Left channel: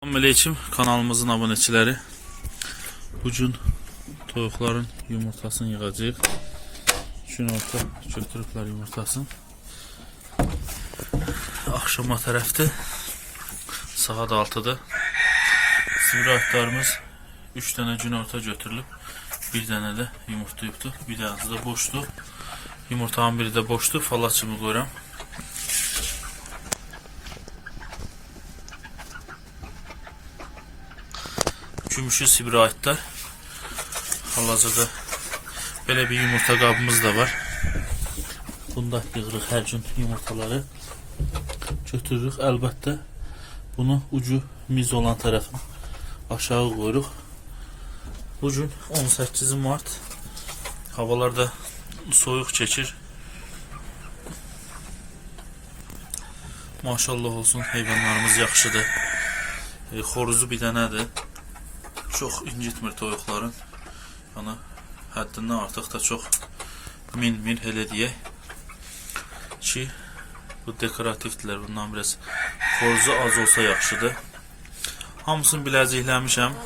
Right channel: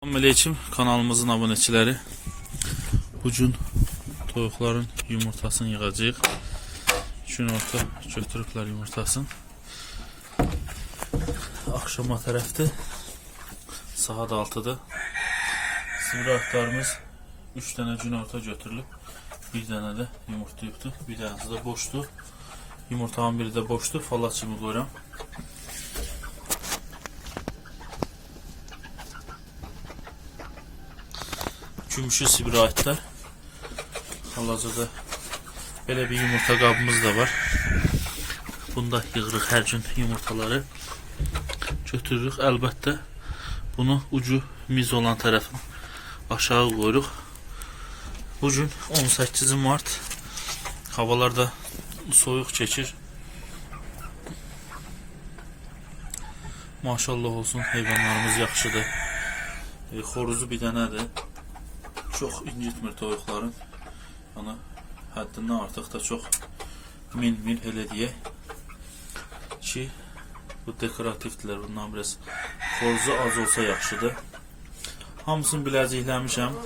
Selamünaleyküm kanalımızın abunəçiləri. Bu gün toyuqların yumurtasını yığacağıq. Günorta götürüblər yumurtasını. Axşama tərəfdir. Saat 6-dır. Sivri 3 dənə günorta götürülüb. Bir dənə də yumurtlayıbdı. Bir dənəsi də boşdur. Yumurtanın biri də boşdur. Falaçımı qoyuram. Gümüşü sibirə aidlər. Hal-hazırda belə bir yumurta qabımız da var. Bunda yığırıq hər gün yumurtaları. Götürürük. Əlbəttə bunu ucu miz olan tərəfin aşağı qoyuruq. Bu gün 18 mart. Havalar da soyuq keçir. Maşallah olsun heyvanlarımız yaxşıdır. E, xoruzu bir dənədir. Çox incitmir toyuqların. Yəni həddindən artıq da çox min-min elə deyək ki, bu dekorativdirlər. Bundan biraz xoruzu az olsa yaxşıdır. Hamısını biləcəkləmişəm.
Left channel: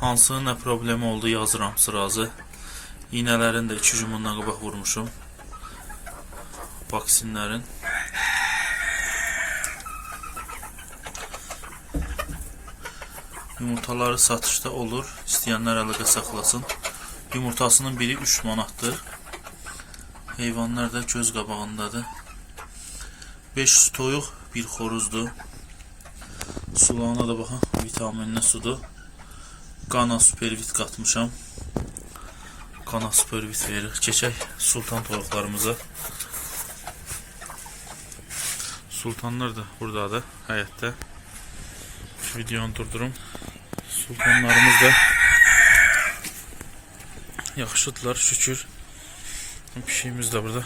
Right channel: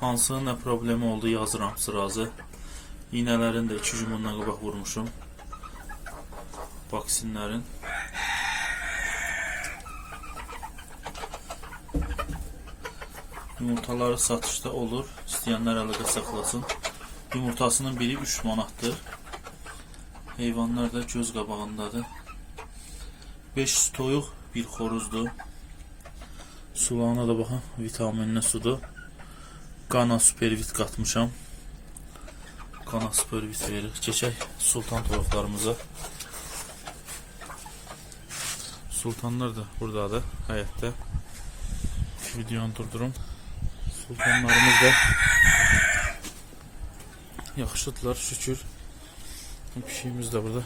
Hansı nə problemi oldu yazıram sırazı. İynələrin də 2 gün bundan qabaq vurmuşum. Vaksinlərin. Yumurtaları satışda olur. İstəyənlər əlaqə saxlasın. Yumurtasının biri 3 manatdır. Heyvanlar da göz qabağındadır. 5 toyuq, bir xoruzdur. Sulağına da baxın, vitaminli sudur. Qana supervit qatmışam. Qana supervit verir. Keçək sultan toyuqlarımıza. Sultanlar da buradadır, həyətdə. Videonu durdurum. Sultanlarımız da yaxşıdırlar şükür. Pişiyimiz de burada.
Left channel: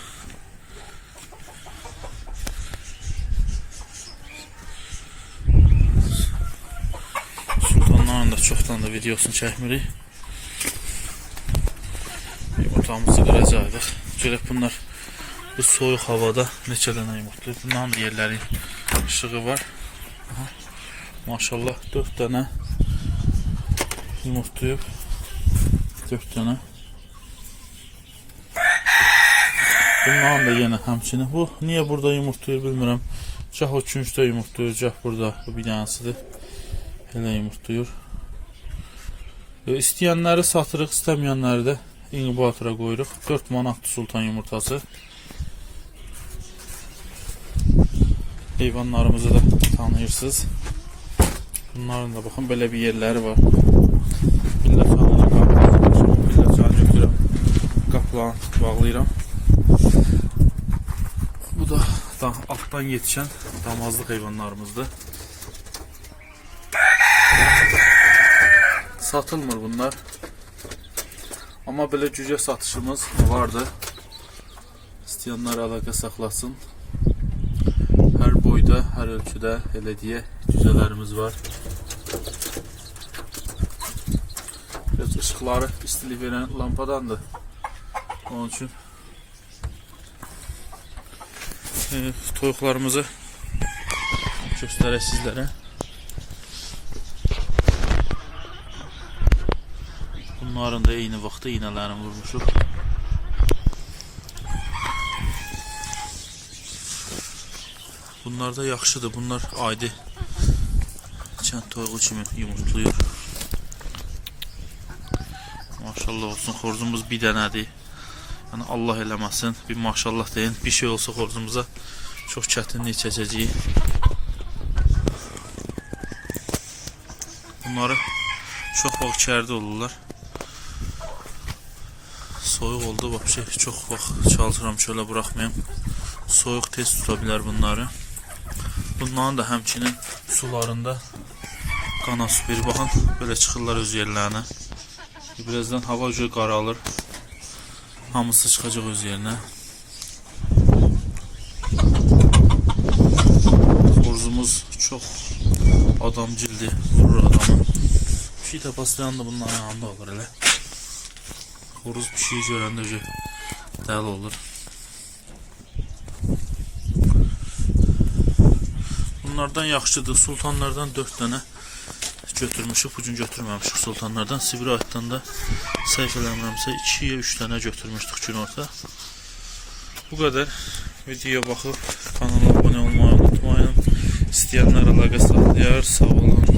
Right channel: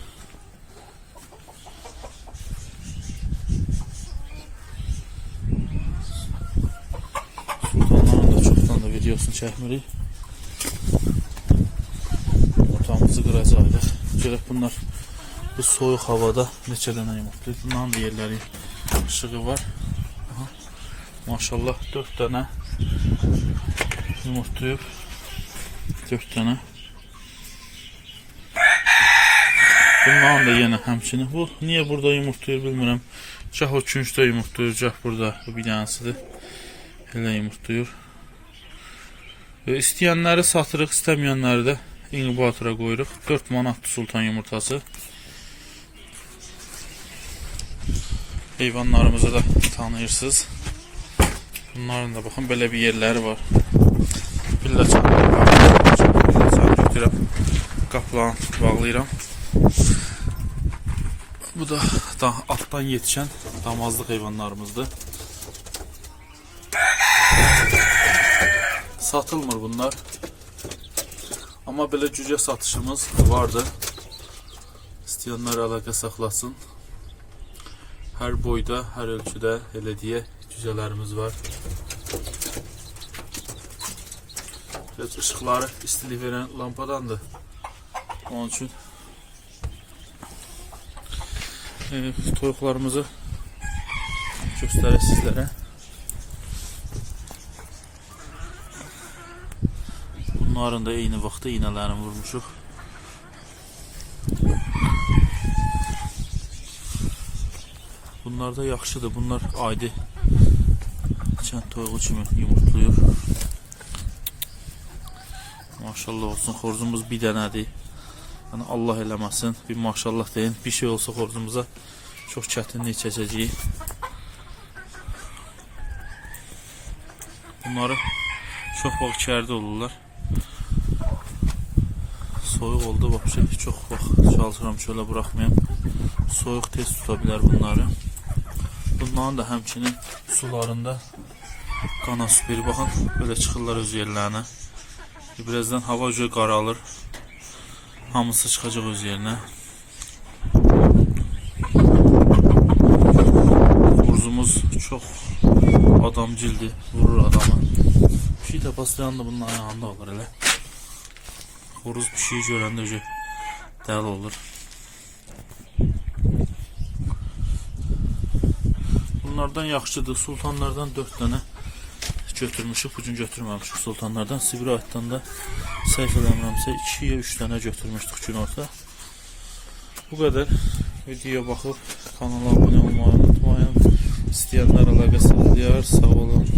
Sultanların da çoxdan da videosunu çəkmirik. Yumurtamızı qıracaqdıq. Görək bunlar bu soyuq havada neçə dənə yumurtlayıb. Bunların da yerləri işığı var. Aha. Maşallah 4 dənə yumurtlayıb. 4 dənə. Bunların da yenə həmçinin. Bu niyə burada yumurtlayır bilmirəm. Gah o küncdə yumurtlayır, gah burada. Bu bir dənəsidir. Elə yumurtlayır. İstəyənləri satırıq, istəməyənləri də inkubatora qoyuruq. 4 manatdır sultan yumurtası. Heyvanlarımızı da tanıyırsınız. Bunların da baxın belə bir yerləri var. Çanları bağlayıram. Billə çanı götürüb qapılan bağlayıram. Bu da, da alttan yetişən damazlıq heyvanlarımızdır. Satılmır bunlar. Amma belə cücə satışımız vardı. İstəyənlər əlaqə saxlasın. Hər boyda, hər ölçüdə elə deyə cücələrimiz var. Biraz ışıqları istilik verən lampadandır. Onun üçün e, toyuqlarımızı göstərək sizlərə. Bunların da eyni vaxtda iynələrini vurmuşuq. Bunlar da yaxşıdır. Bunlar aydı kənd toyuğu kimi yumurtlayır. Maşallah olsun. Xoruzumuz bir dənədir. Yəni Allah eləməsin. Bir maşallah deyin. Bir şey olsa xoruzumuza çox çətinlik çəkəcəyik. Bunları çox vaxt içəridə olurlar. Soyuq oldu vəbşə çox vaxt çalışıram çölə buraxmayım. Soyuq tez tuta bilər bunları. Bunların da həmçinin sularında qana süperi baxın belə çıxırlar öz yerlərinə. Birazdan hava ucu qaralır. Hamısı çıxacaq öz yerinə. Xoruzumuz çox adamcildir, vurur adamı. Pişik də paslayan da bunun ayağında olur elə. Xoruz pişiyi görəndə öcə dəli olur. Bunlardan yaxşıdır. Sultanlardan 4 dənə götürmüşük, bu gün götürməmişik sultanlardan. Sibir aytdan da səhv eləmirəmsə 2-yə 3 dənə götürmüşdük günorta. Bu qədər. Videoya baxıb kanala abunə olmayı unutmayın. İstəyənlər əlaqə saxlayar. Sağ olun.